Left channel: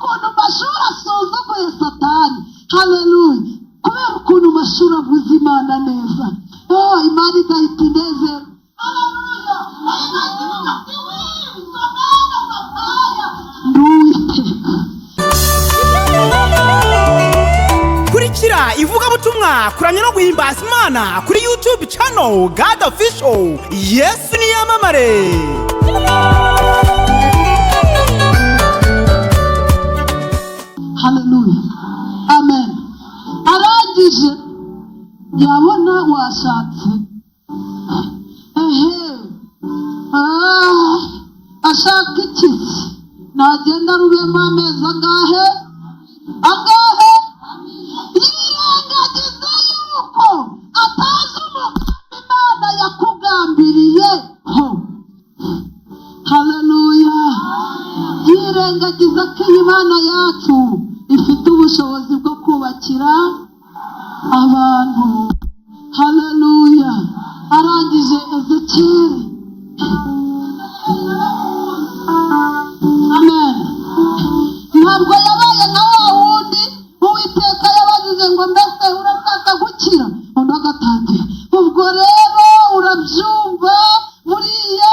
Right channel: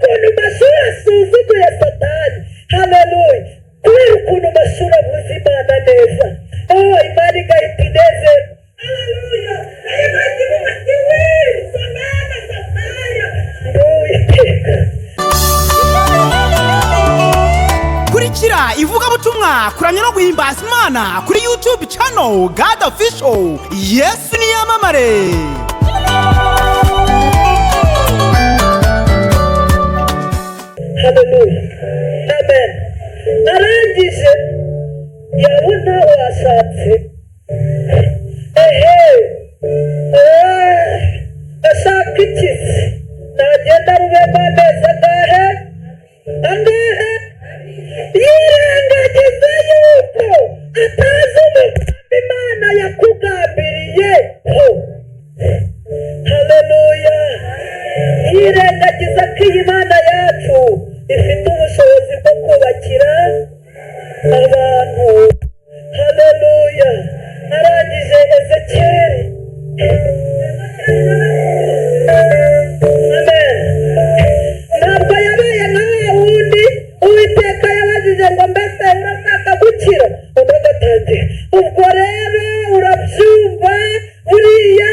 ukuntu amashuri asuzuguye Satani. Haleluya. Kubera ukuntu amashuri avuze Imana neza, Imana igahita inezerwa. Haleluya. Nayo igahita ivuga ati somena sapaya nduwiteka. Kurikira ivugabutumwa kuramya no guhimbaza Imana kuri YouTube channel God Official. Yesu ni yamamare. Haleluya. Amen. Arangije yabona washatse, ashaka ikisi, nagenda rubemo amezi angahe, yirengagiza yuko atazi umugambi Imana yakugambiriyeho. Haleluya. Yirengagiza ko iyi Imana yacu ifite ubushobozi bwo kubakira abantu. Haleluya. Arangije Ezekiyeli, amen, ntabwo yabaye nka wa wundi Uwiteka yabajije ngo mbese urashaka gukira, undi agatangira. Ubwo rero urabyumva, buriya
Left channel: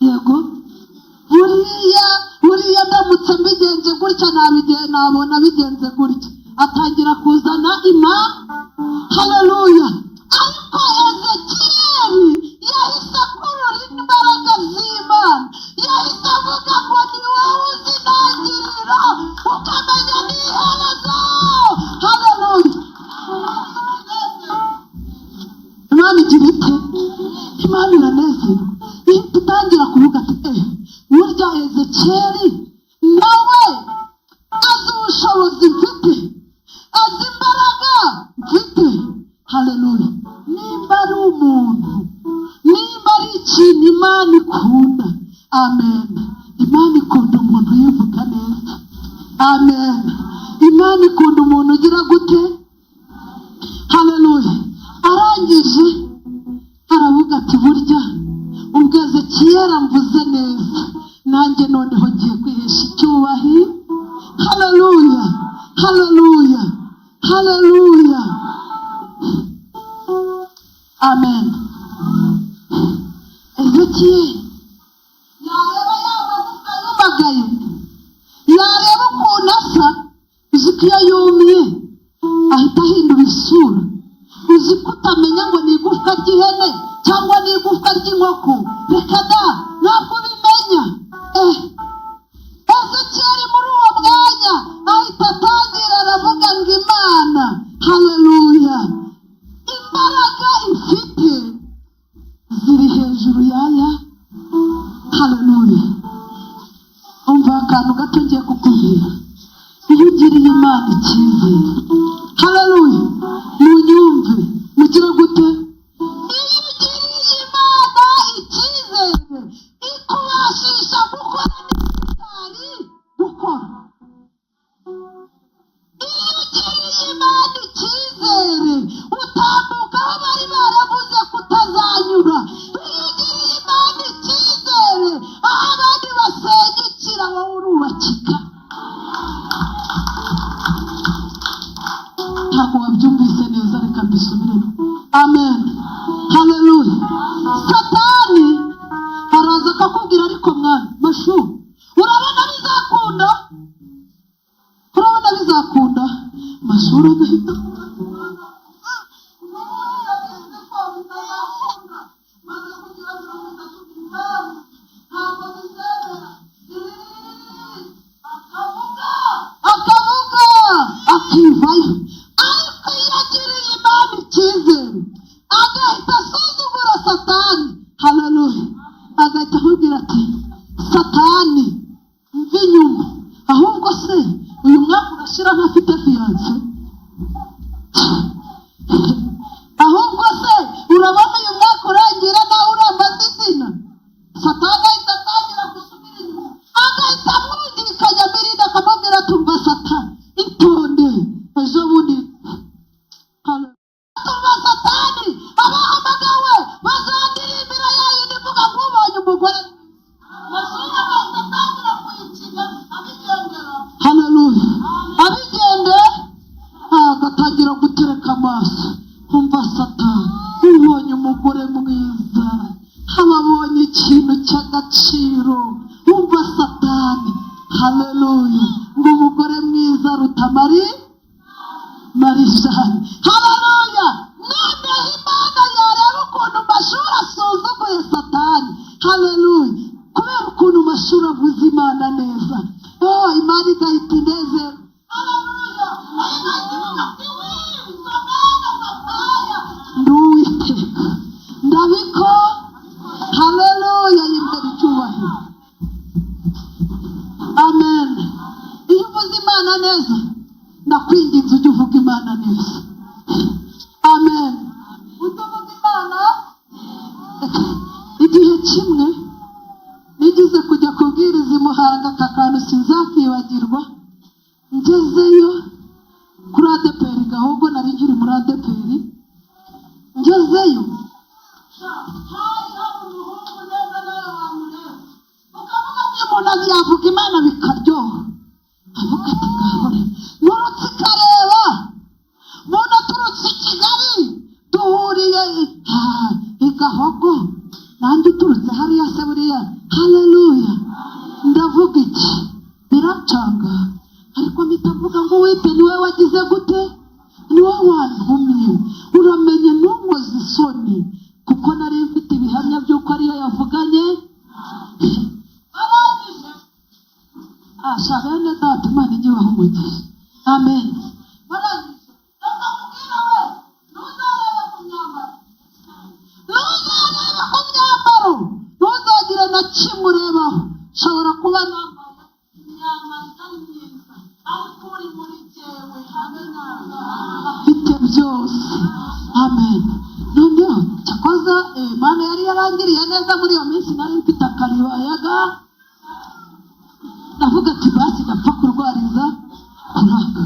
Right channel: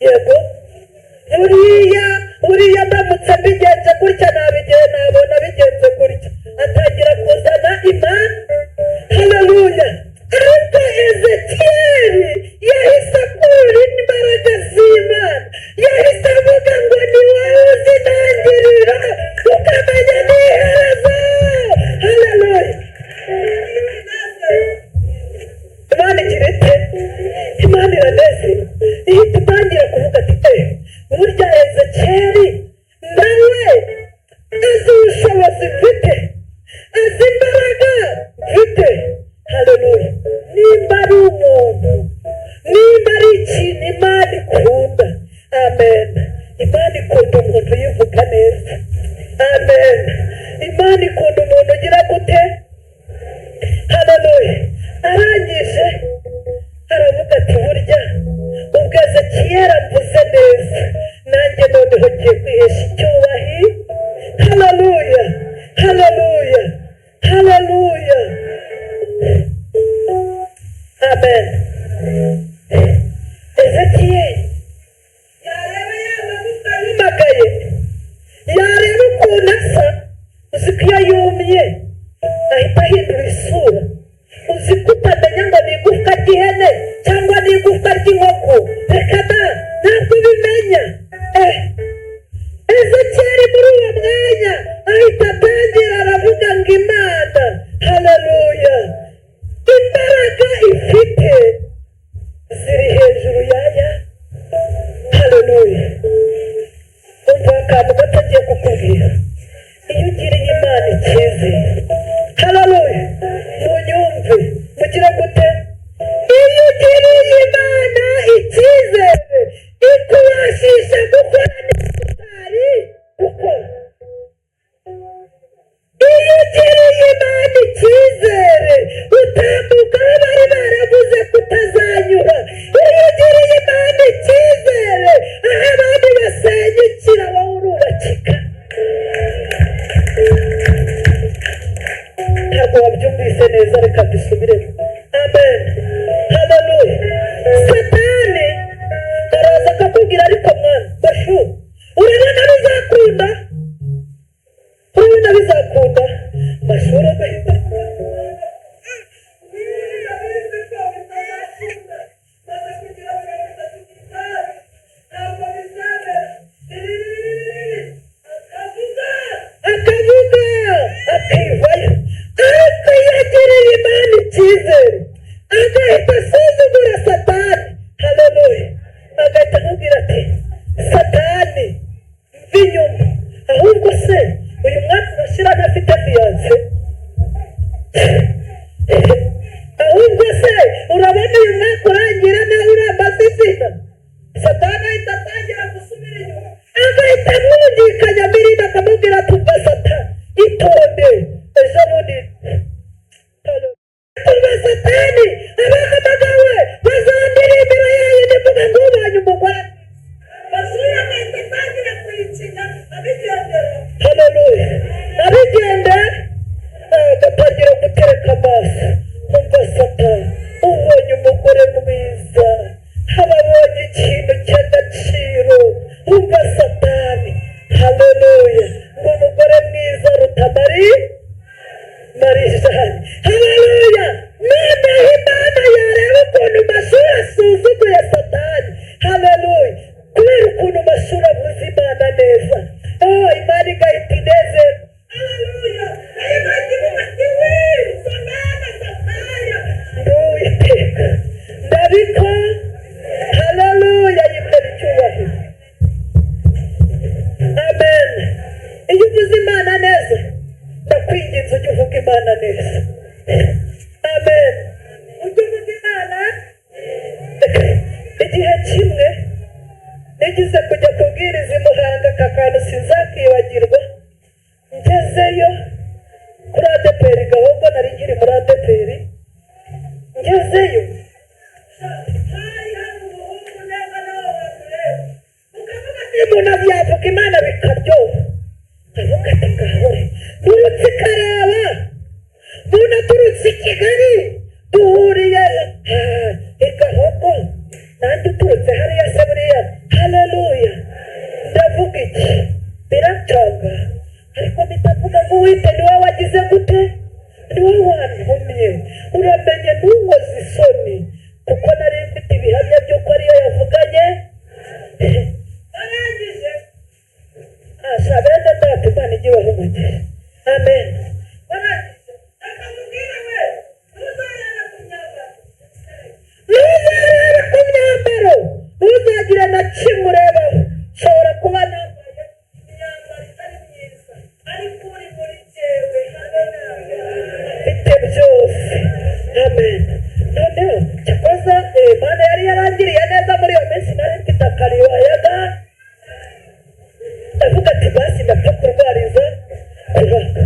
yego, buriya ndamutse mbigenze gutya nabona bigenze gutya. Atangira kuzana Haleluya. Ariko Ezekiyeli yahise akurura imbaraga z'Imana, yahise avuga ngo ni wowe uzi intangiriro ukamenya n'iherezo. Haleluya. Imana igira ite? Imana iranezerwa. Ihita itangira kuvuga ati burya Ezekiyeli nawe azi ubushobozi mfite, azi imbaraga mfite. Haleluya. Nimba ari umuntu, nimba ari ikintu Imana ikunda, amen, Imana ikunda umuntu yivuga neza. Amen. Imana ikunda umuntu ugira gute? Haleluya. Arangije aravuga ati burya ubwo Ezekiyeli mvuze neza, nanjye noneho ngiye kwihesha icyubahiro. Haleluya. Haleluya. Haleluya. Amen. Ezekiyeli yareba yamagufwa yumagaye, yareba ukuntu asa, uzi ko iyo yumye ahita ahindura isura. Uzi ko utamenya ngo ni igufwa ry'ihene cyangwa ni igufwa ry'inkoko. Reka da, ntabwo ubimenya. Ezekiyeli muri uwo mwanya ahita atangira aravuga ngo Imana, haleluya, imbaraga ifite ziri hejuru yaya. Haleluya. Umva akantu gato ngiye kukubwira. Iyo ugiriye Imana icyizere, haleluya, munyumve, mugira gute? Iyo ugiriye Imana icyizere, ikubashisha gukora n'utari gukora. Iyo ugiriye Imana icyizere, utambuka aho bari baravuze kutazanyura. Iyo ugiriye Imana icyizere, aho abandi basenyukira wowe urubakika. Ntabwo wabyumvise neza, reka mbisubiremo. Amen. Haleluya. Satani araza akakubwira ariko mwana mashu, urabona bizakunda, urabona bizakunda. Mashuri agahita akivayo. Ariko iyo agiriye Imana icyizere, agahita asuzugura Satani. Haleluya. Agahita akubwira ati Satani mva inyuma, ahubwo se uyu mwaka urashira ntafite fiance, ahubwo se urabona uyu mwaka urangira nawe urambaza izina. Satani ahita atangira gusubira inyuma, agahita amwungikanya Mirinda akamubwira tumva Satani itonde ejo bundi. Tumva Satani abahamagawe bazandirimbira yayo ndivuga ngo ubonye umugore. Masura agahita atangira kuyikinya abigendera. haleluya. Abigende agatangira gutereka amaso, umva Satani ubonye umugore mwiza, ababonye ikintu cy'agaciro, umva Satani, haleluya, ngo umugore mwiza aruta Marijani, haleluya. Noneho Imana yareba ukuntu Mashuri asuzuguye Satani, haleluya, kubera ukuntu Mashuri avuze Imana neza, Imana igahita inezerwa, haleluya. Nayo igahita ivuga ati somena Sataya ndi Uwiteka ndabiko, haleluya, yimbere icyubahiro, amen. Iyo uvuze Imana neza, ndakwinginze ujye uvuga Imana neza, amen. Ujye uvuga Imana. Igihe kimwe nigize kujya kubwiriza i Muhanga, aka kantu sinzakibagirwa. Ngezeyo kuri ADPR Gahogo, nari nkiri muri ADPR. Ngezeyo hari umuhungu neza, nawe wamureba ukavuga ati umuntu yavuga Imana bikaryoha, avuga ati ngahore nurutse ikareba, umuntu aturutse i Kigali duhuriye i Gahogo, nanjye uturutse hariya se buriya, haleluya. Ndavuga iki biracanga, ariko mpita mvuga ngo Uwite ni wowe wagize gute, ni wowe wantumye, uramenye ntunkoze isoni, kuko nari mfite ibihamya by'uko ariyo yavuganye. Barangije bene data, Imana ijye ibaha umugisha, amen. Barangije reka mubwira we, ntuzarebe ku myambaro, ntuzarebe ku myambaro, ntuzagire na kimwe urebaho. Nshobora kuba nambaye imyambaro itari myiza, ariko uri muri jyewe, haleluya, afite byose, amen. Noneho cyakoza Imana yari yarangiriye neza muri iyo minsi, nari mfite akaribayaga, ndavuga ati basi ndapfa kurwariza kuraka.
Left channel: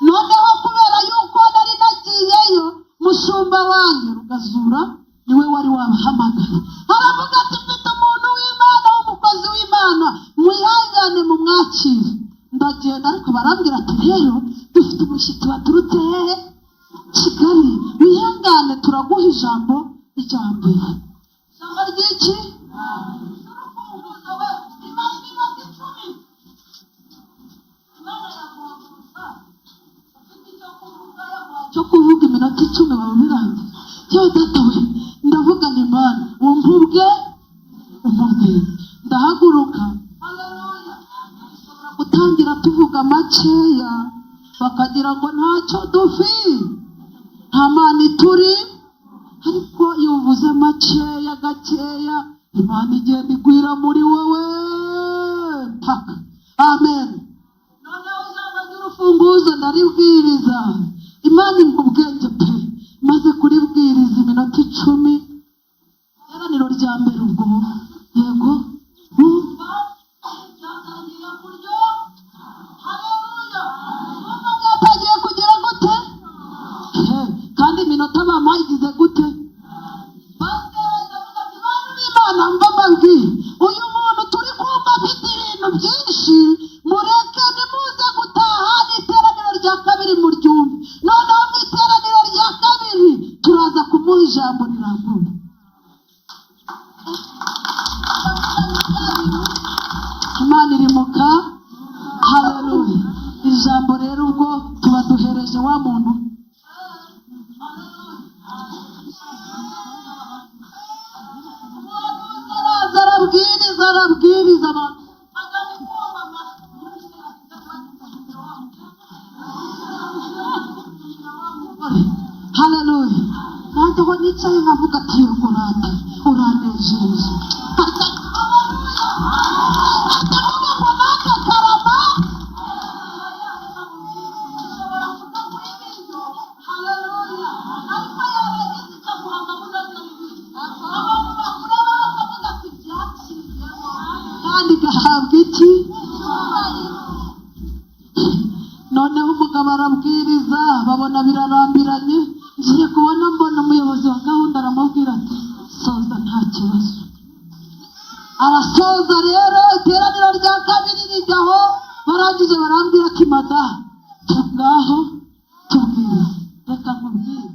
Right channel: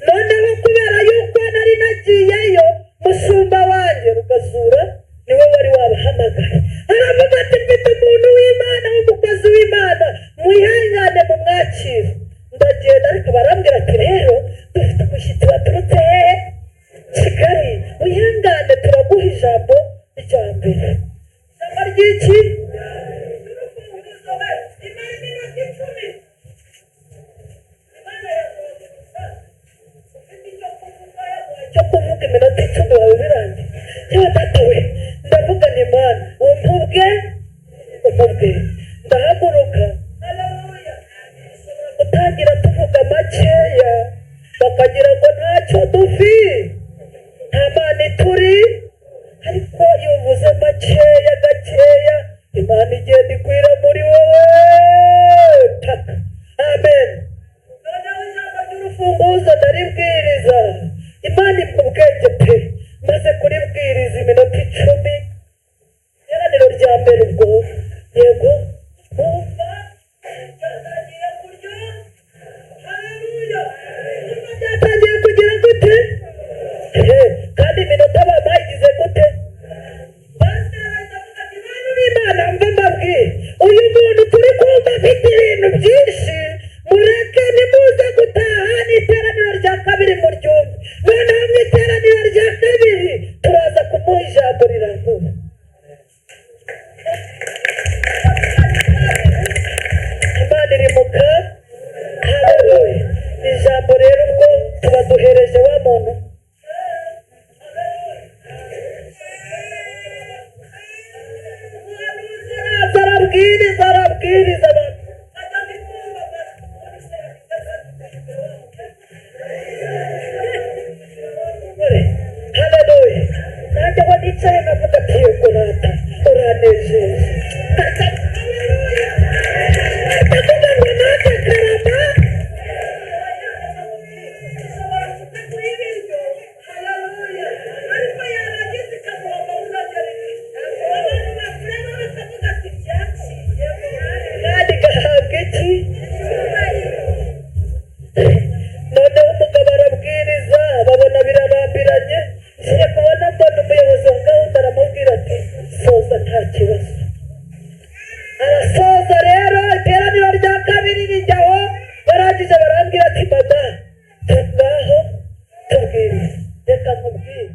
Noneho kubera yuko nari nagiyeyo, mushumba wanjye Rugazura niwe wari wabahamagaye, aravuga ati mfite umuntu w'Imana, umukozi w'Imana, mwihangane mumwakire. Ndagenda, ariko barambwira ati rero dufite umushyitsi waturutse hehe, Kigali, wihangane turaguha ijambo rya mbere. Ijambo ry'iki? Urufunguzo we, Imana iminota 10. Imana yaguhagurutsa, ufite icyo kuvuga iminota 10 waba birangiye. Yewe data we, ndavuga ni Imana umubwe. Ndahaguruka, haleluya. Dushobora gutangira tuvuga makeya, bakagira ngo ntacyo dufi, nta Mana ituri, ariko iyo uvuze makeya gakeya, Imana igenda igwira muri wowe paka, amen. Noneho ijambo ry'urufunguzo ndaribwiriza, Imana impa ubwenge pe, maze kuribwiriza iminota 10. Iteraniro rya mbere ubwo, yego bumva byatangiye kuryo, haleluya, bumva byatangiye kugira gute, kandi iminota bamaye igize gute. Pasiteri ndavuga ati bantu b'Imana, mva mbabwire, uyu muntu turi kumva afite ibintu byinshi, mureke nimuze gutaha n'iteraniro rya kabiri muryumve. Noneho mu iteraniro rya kabiri turaza kumuha ijambo rirambuye. Imana irimuka, haleluya. Ijambo rero ubwo tuba duhereje wa muntu, arabwiriza abantu, haleluya. Nanjye aho nicaye nkavuga ati yego rata uranejeje, haleluya. Ndavuga ngo naka karama ushobora kutaguha ibiryo, haleluya, ariko yarangiza ikaguha amabuno y'ibiryo. Abantu bakureba bakavuga ati byaciyemo, kandi gahabwa iki? Noneho umugabo arabwiriza, babona birarambiranye, ngiye kubona mbona umuyobozi wa gahunda aramubwira ati soza nta kibazo. Arasoza rero, iteraniro rya kabiri rijyaho, barangije barambwira ati mada ngaho tubwire reka nkubwire